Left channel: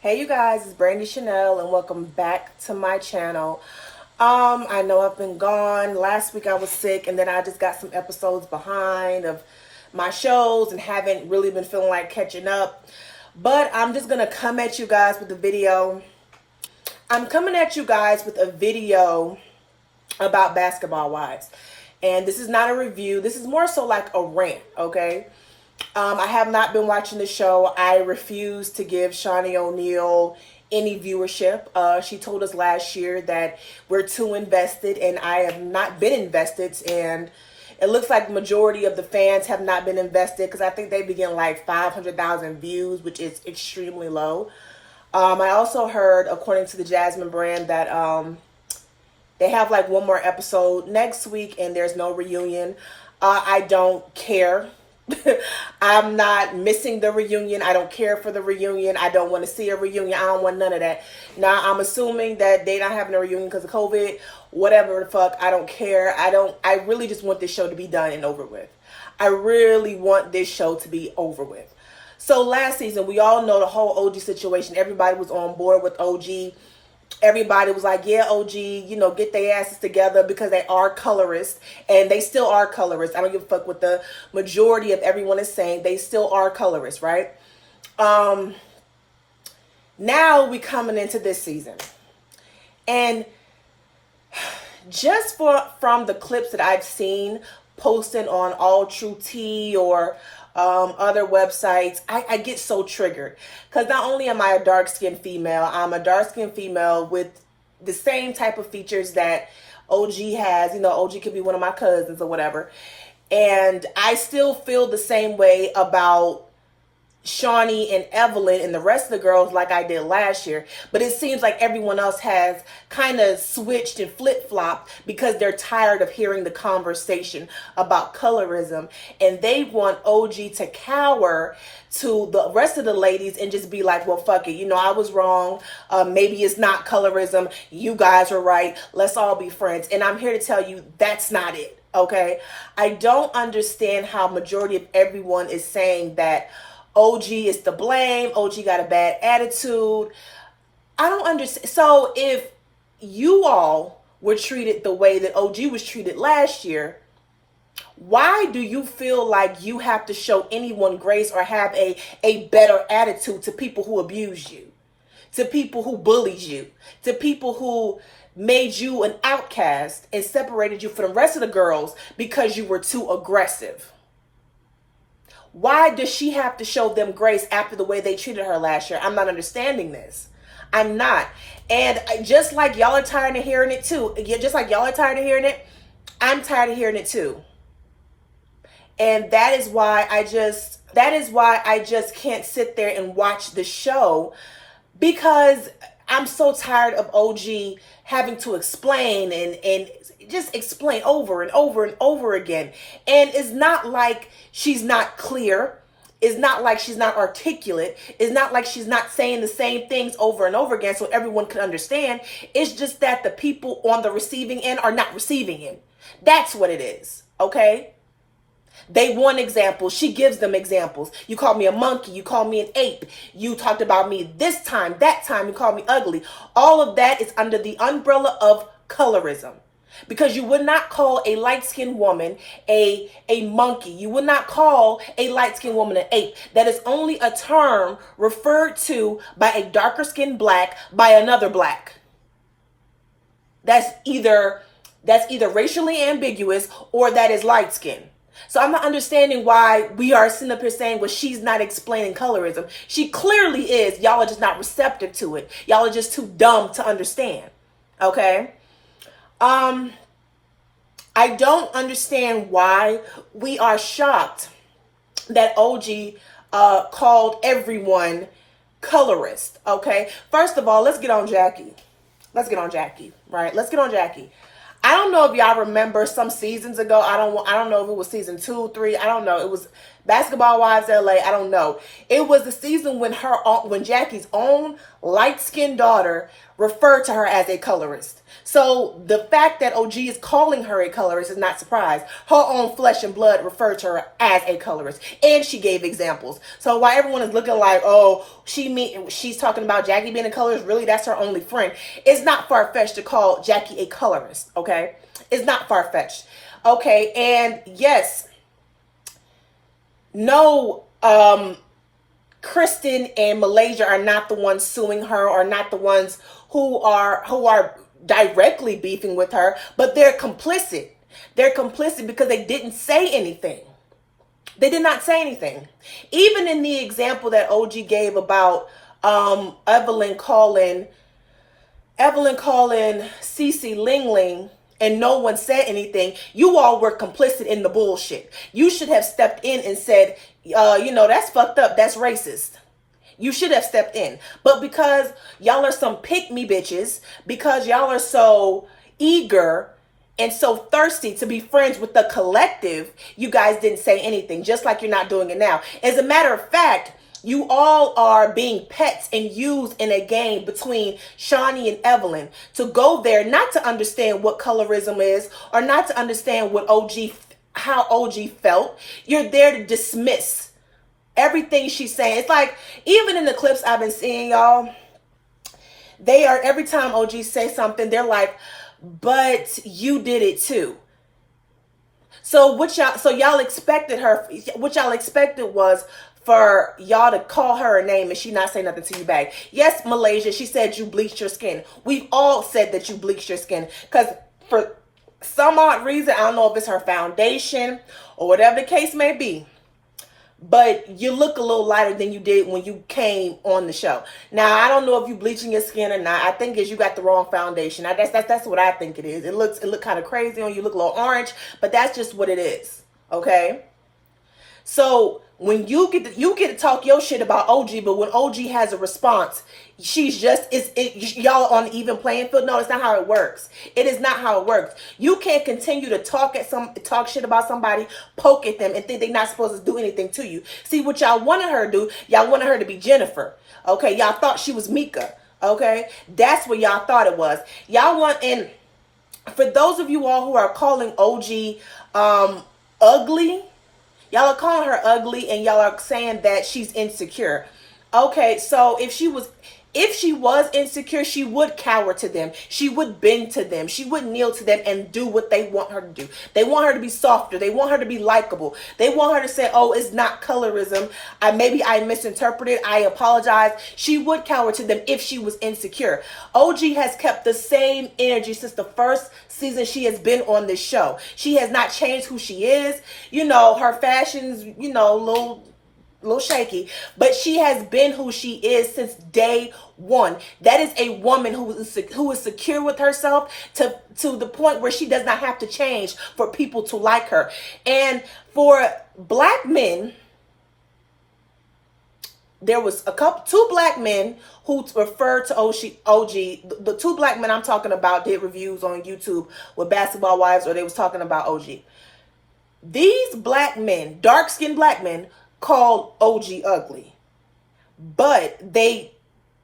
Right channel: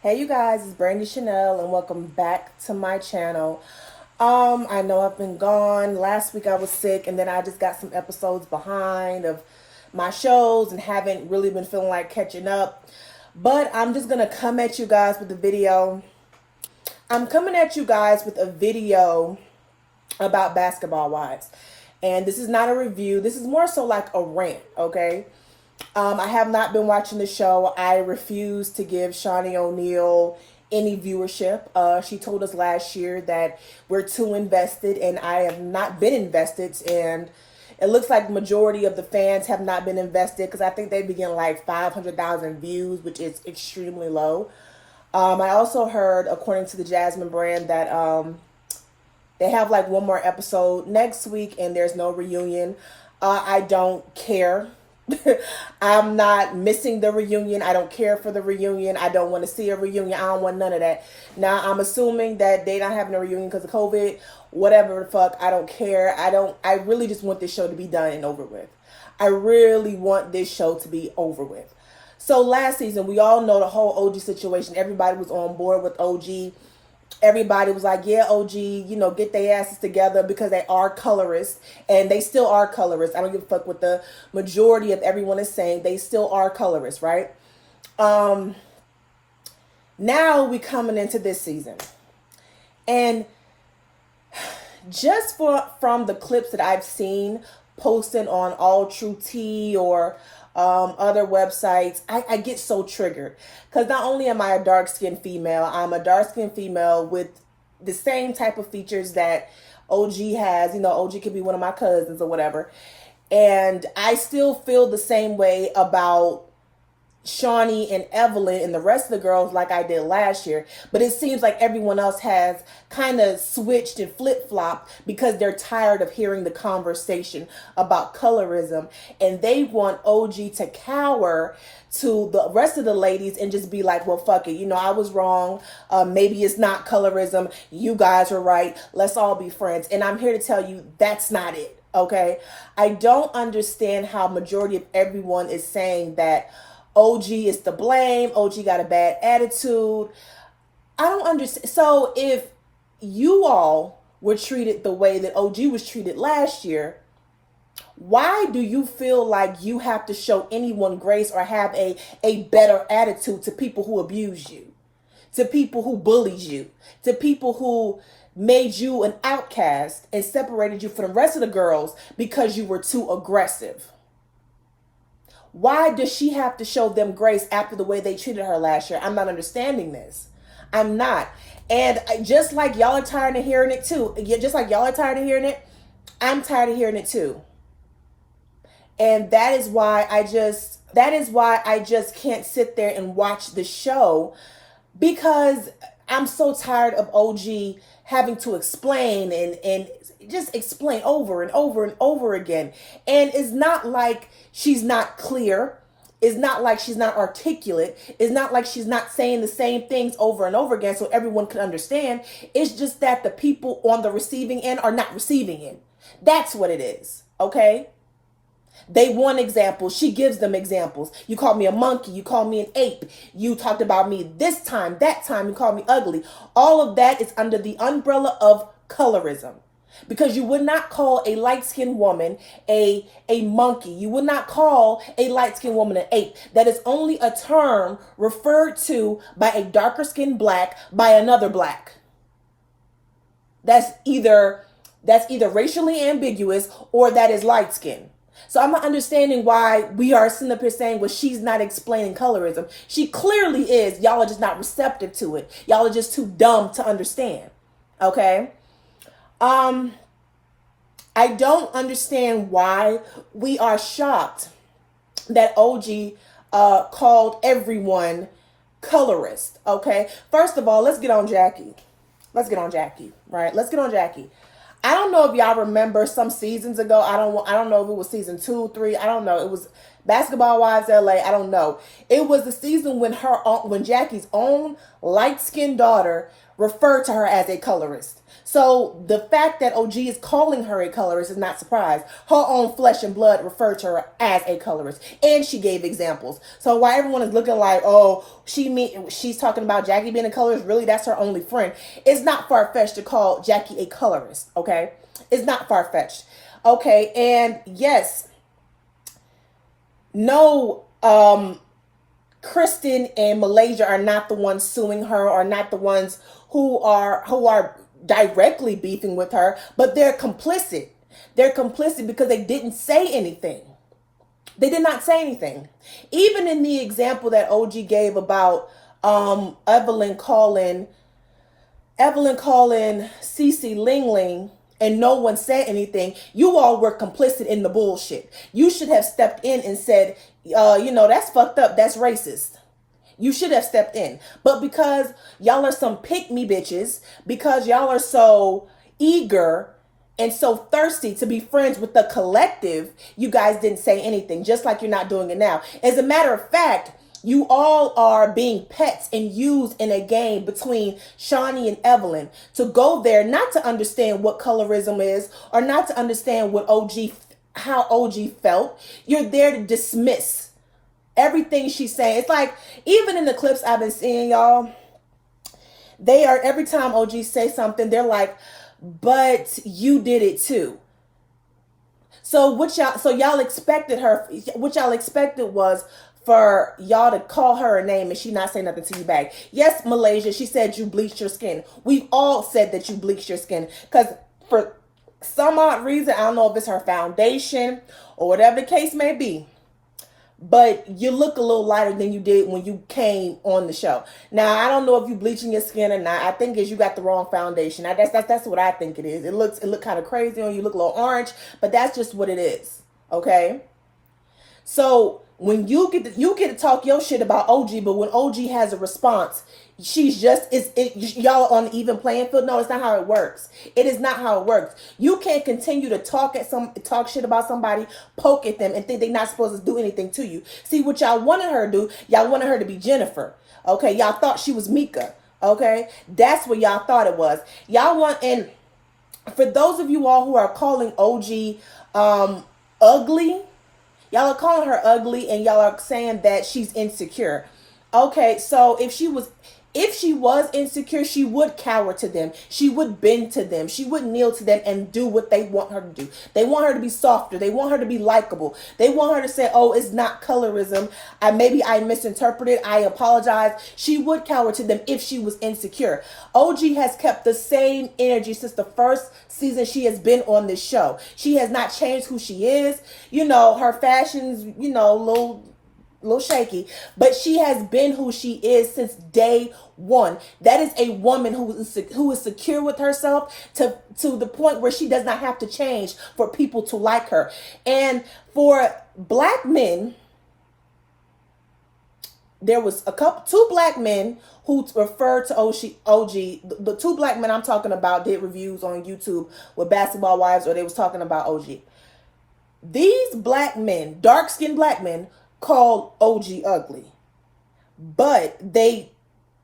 Hey you guys, it's Brandy Chanel and welcome back to my channel. I know I've been gone. Last week I was sick and then I just got some episodes behind of my shows and haven't really been feeling like catching up. But I'm just gonna come at you guys with a video. I'm coming at you guys with a video about Basketball Wives. And this is not a review. This is more so like a rant, okay? I have not been watching the show. I refuse to give Shawnee O'Neal any viewership. She told us last year that we're too invested, and I have not been invested. And it looks like the majority of the fans have not been invested because I think they begin like 500,000 views, which is extremely low. I also heard, according to the Jasmine brand, that they have like one more episode next week and there's no reunion. I don't care. I'm not missing the reunion. I don't care for the reunion. I don't want to see a reunion. I don't want none of that. Now, I'm assuming that they not having a reunion because of COVID. Whatever the fuck. I don't care. I really just want this show to be done and over with. I really want this show to be over with. So last season, we all know the whole OG situation. Everybody was on board with OG. Everybody was like, yeah, OG, get their asses together because they are colorists and they still are colorists. I don't give a fuck what the majority of everyone is saying. They still are colorists, right? Now we coming into this season. And just from the clips that I've seen posting on All True Tea or other websites, I get so triggered because not only am I a dark-skinned female, I'm a dark-skinned female with the same type of features that OG has. OG could be one of my cousins or whatever, and I still feel the same way about Shawnee and Evelyn and the rest of the girls like I did last year. But it seems like everyone else has kind of switched and flip-flopped because they're tired of hearing the conversation about colorism. And they want OG to cower to the rest of the ladies and just be like, well, fuck it. I was wrong. Maybe it's not colorism. You guys are right. Let's all be friends. And I'm here to tell you that's not it. Okay? I don't understand how majority of everyone is saying that OG is to blame. OG got a bad attitude. I don't understand. So if you all were treated the way that OG was treated last year, why do you feel like you have to show anyone grace or have a better attitude to people who abuse you, to people who bullied you, to people who made you an outcast and separated you from the rest of the girls because you were too aggressive? Why does she have to show them grace after the way they treated her last year? I'm not understanding this. I'm not. And just like y'all are tired of hearing it too, just like y'all are tired of hearing it, I'm tired of hearing it too. And that is why I just can't sit there and watch the show, because I'm so tired of OG having to explain and just explain over and over and over again. And it's not like she's not clear. It's not like she's not articulate. It's not like she's not saying the same things over and over again so everyone can understand. It's just that the people on the receiving end are not receiving it. That's what it is, okay? They want examples. She gives them examples. You called me a monkey. You called me an ape. You talked about me this time, that time. You called me ugly. All of that is under the umbrella of colorism. Because you would not call a light-skinned woman a monkey. You would not call a light-skinned woman an ape. That is only a term referred to by a darker-skinned black by another black. That's either racially ambiguous or that is light-skinned. So I'm not understanding why we are sitting up here saying, well, she's not explaining colorism. She clearly is. Y'all are just not receptive to it. Y'all are just too dumb to understand. Okay? I don't understand why we are shocked that OG called everyone colorist. Okay? First of all, let's get on Jackie. Right? Let's get on Jackie. I don't know if y'all remember some seasons ago. I don't know if it was season 2, 3. I don't know. It was Basketball Wives LA, I don't know. It was the season when Jackie's own light-skinned daughter referred to her as a colorist. So the fact that OG is calling her a colorist is not surprise. Her own flesh and blood referred to her as a colorist, and she gave examples. So while everyone is looking like, oh, she's talking about Jackie being a colorist, really that's her only friend. It's not far-fetched to call Jackie a colorist, okay? It's not far-fetched. Okay, and yes, no, Kristen and Malaysia are not the ones suing her, or not the ones who are directly beefing with her, but they're complicit. They're complicit because they didn't say anything. They did not say anything. Even in the example that OG gave about Evelyn calling Cece Ling Ling, and no one said anything, you all were complicit in the bullshit. You should have stepped in and said, that's fucked up. That's racist. You should have stepped in. But because y'all are some pick-me bitches, because y'all are so eager and so thirsty to be friends with the collective, you guys didn't say anything, just like you're not doing it now. As a matter of fact, you all are being pets and used in a game between Shawnee and Evelyn to go there, not to understand what colorism is, or not to understand how OG felt. You're there to dismiss everything she's saying. It's like, even in the clips I've been seeing, y'all, they are, every time OG says something, they're like, but you did it too. So y'all expected was for y'all to call her a name and she not say nothing to you back. Yes, Malaysia, she said you bleached your skin. We've all said that you bleached your skin, because for some odd reason, I don't know if it's her foundation or whatever the case may be, but you look a little lighter than you did when you came on the show. Now, I don't know if you bleaching your skin or not. I think you got the wrong foundation. That's what I think it is. It look kind of crazy on you. Look a little orange, but that's just what it is. Okay? So when you get to talk your shit about OG, but when OG has a response, y'all on an even playing field. No, it's not how it works. It is not how it works. You can't continue to talk shit about somebody, poke at them, and think they're not supposed to do anything to you. See, what y'all wanted her to do, y'all wanted her to be Jennifer. Okay, y'all thought she was Mika. Okay, that's what y'all thought it was. And for those of you all who are calling OG ugly, y'all are calling her ugly, and y'all are saying that she's insecure. Okay, so if she was insecure, she would cower to them. She would bend to them. She would kneel to them and do what they want her to do. They want her to be softer. They want her to be likable. They want her to say, oh, it's not colorism. Maybe I misinterpreted. I apologize. She would cower to them if she was insecure. OG has kept the same energy since the first season she has been on this show. She has not changed who she is. Her fashion's, a little shaky, but she has been who she is since day one. That is a woman who is secure with herself to the point where she does not have to change for people to like her. And for black men, there was two black men who referred to OG. The two black men I'm talking about did reviews on YouTube with Basketball Wives, or they was talking about OG. These black men, dark-skinned black men, called OG ugly, but they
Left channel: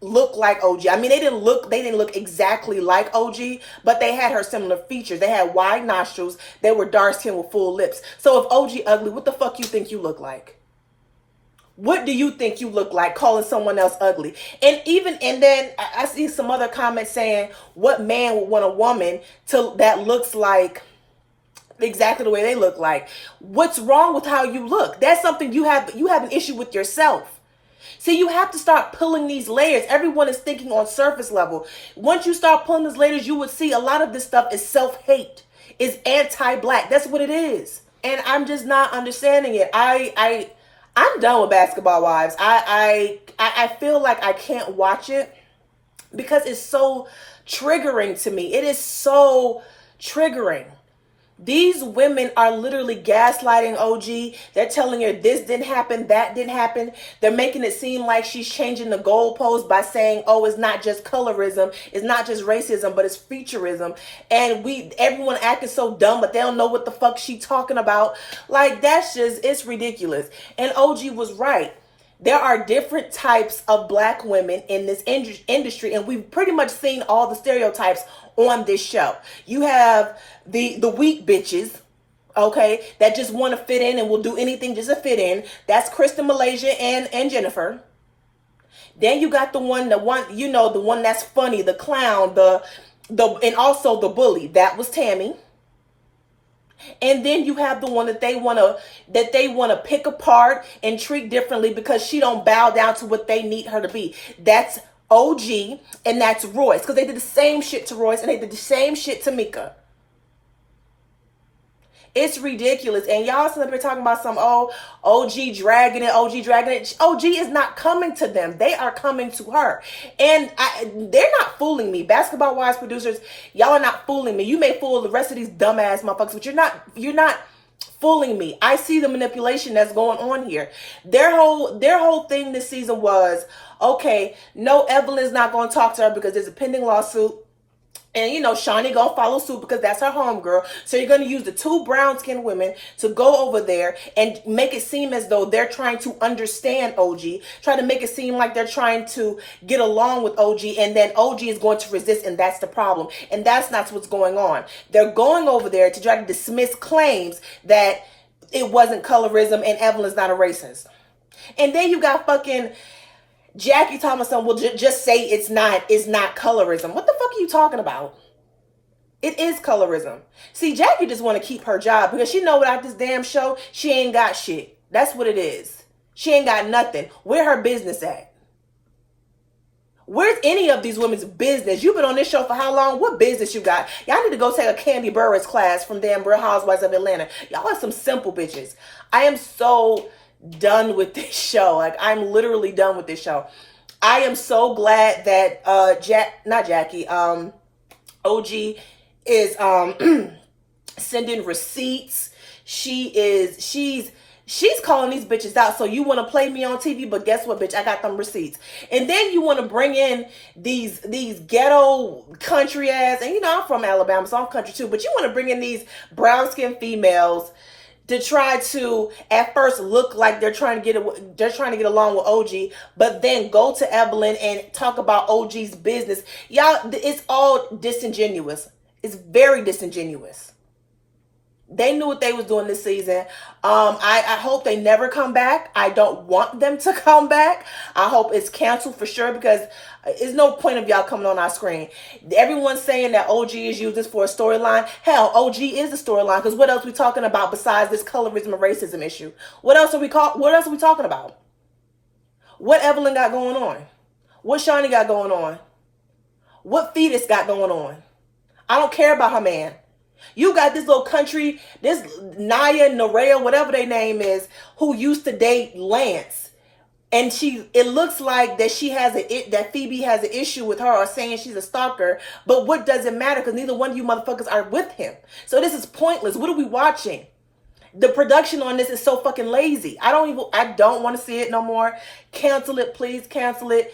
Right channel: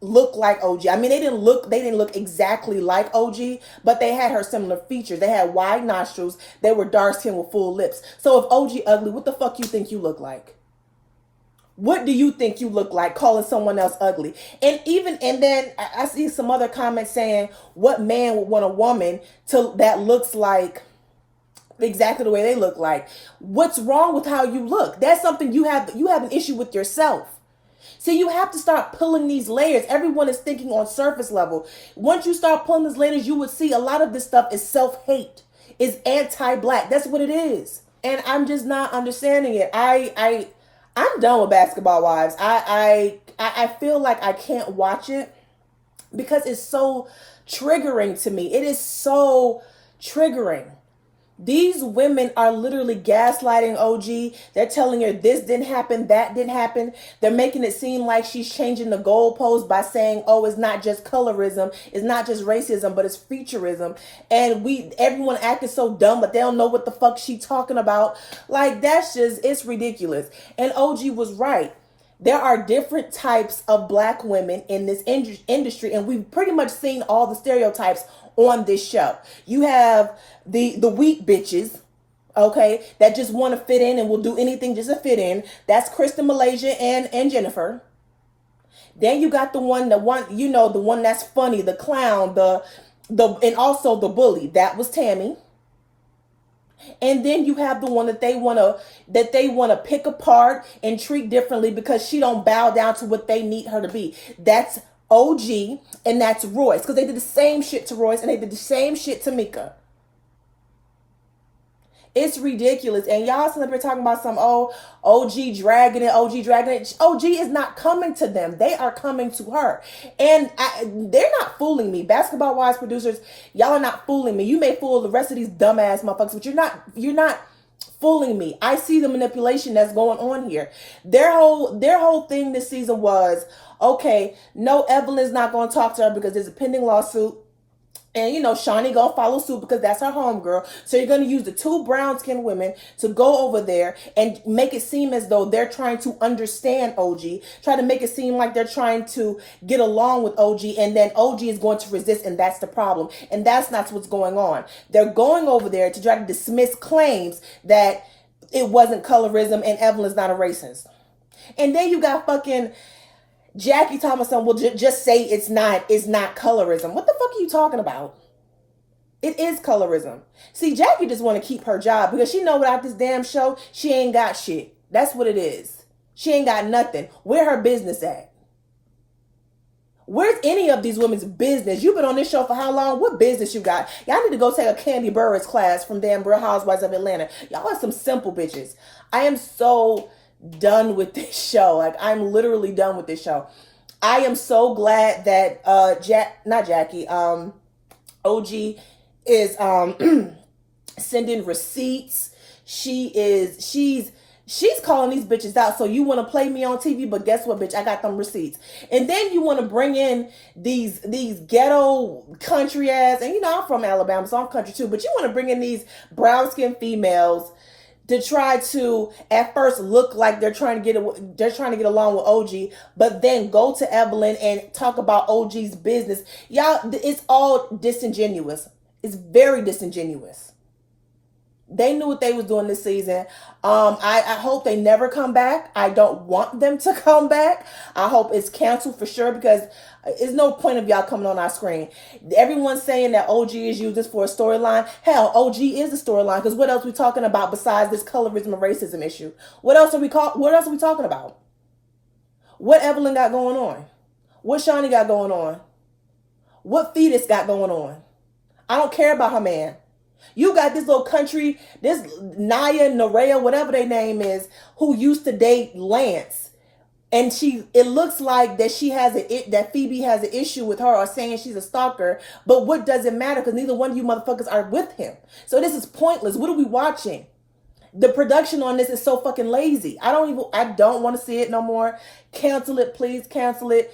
look like OG. I mean, they didn't look exactly like OG, but they had her similar features. They had wide nostrils. They were dark skinned with full lips. So if OG ugly, what the fuck you think you look like? What do you think you look like calling someone else ugly? And then I see some other comments saying, what man would want a woman that looks like exactly the way they look like? What's wrong with how you look? That's something you have an issue with yourself. See, you have to start pulling these layers. Everyone is thinking on surface level. Once you start pulling these layers, you would see a lot of this stuff is self-hate, is anti-black. That's what it is. And I'm just not understanding it. I'm done with Basketball Wives. I feel like I can't watch it because it's so triggering to me. It is so triggering. These women are literally gaslighting OG. They're telling her this didn't happen, that didn't happen. They're making it seem like she's changing the goalpost by saying, oh, it's not just colorism, it's not just racism, but it's featureism. And everyone acting so dumb, but they don't know what the fuck she talking about. Like, that's just, it's ridiculous. And OG was right. There are different types of black women in this industry, and we've pretty much seen all the stereotypes on this show. You have the weak bitches, okay, that just want to fit in and will do anything just to fit in. That's Kristen, Malaysia, and Jennifer. Then you got the one that's funny, the clown, the and also the bully. That was Tammy. And then you have the one that they wanna pick apart and treat differently because she don't bow down to what they need her to be. That's OG, and that's Royce, because they did the same shit to Royce and they did the same shit to Mika. It's ridiculous. And y'all sitting up here talking about some OG dragging it. OG is not coming to them. They are coming to her. And they're not fooling me. Basketball Wives producers, y'all are not fooling me. You may fool the rest of these dumbass motherfuckers, but you're not fooling me. I see the manipulation that's going on here. Their whole thing this season was, okay, no, Evelyn's not going to talk to her because there's a pending lawsuit. And, Shani gonna follow suit because that's her homegirl. So you're gonna use the two brown-skinned women to go over there and make it seem as though they're trying to understand OG, try to make it seem like they're trying to get along with OG, and then OG is going to resist, and that's the problem. And that's not what's going on. They're going over there to try to dismiss claims that it wasn't colorism and Evelyn's not a racist. And then you got fucking Jackie Thomason will just say it's not colorism. What the fuck are you talking about? It is colorism. See, Jackie just want to keep her job because she know without this damn show, she ain't got shit. That's what it is. She ain't got nothing. Where her business at? Where's any of these women's business? You've been on this show for how long? What business you got? Y'all need to go take a Candy Burris class from damn Real Housewives of Atlanta. Y'all are some simple bitches. I am so done with this show. Like, I'm literally done with this show. I am so glad that OG is sending receipts. She's calling these bitches out. So you want to play me on TV, but guess what, bitch? I got them receipts. And then you want to bring in these ghetto country ass, and I'm from Alabama, so I'm country too, but you want to bring in these brown skinned females to try to at first look like they're trying to get along with OG, but then go to Evelyn and talk about OG's business. Y'all, it's all disingenuous. It's very disingenuous. They knew what they was doing this season. I hope they never come back. I don't want them to come back. I hope it's canceled for sure because there's no point of y'all coming on our screen. Everyone's saying that OG is used this for a storyline. Hell, OG is the storyline because what else are we talking about besides this colorism and racism issue? What else are we talking about? What Evelyn got going on? What Shani got going on? What Fetus got going on? I don't care about her man. You got this little country, this Naya, Nerea, whatever their name is, who used to date Lance. And it looks like that that Phoebe has an issue with her or saying she's a stalker. But what does it matter? Because neither one of you motherfuckers are with him. So this is pointless. What are we watching? The production on this is so fucking lazy. I don't want to see it no more. Cancel it, please cancel it.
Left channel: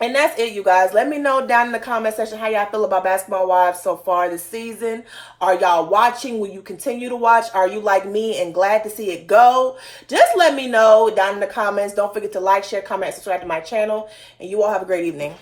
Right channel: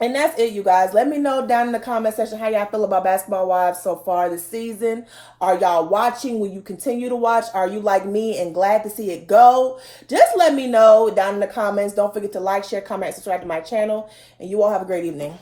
And that's it, you guys. Let me know down in the comment section how y'all feel about Basketball Wives so far this season. Are y'all watching? Will you continue to watch? Are you like me and glad to see it go? Just let me know down in the comments. Don't forget to like, share, comment, subscribe to my channel. And you all have a great evening.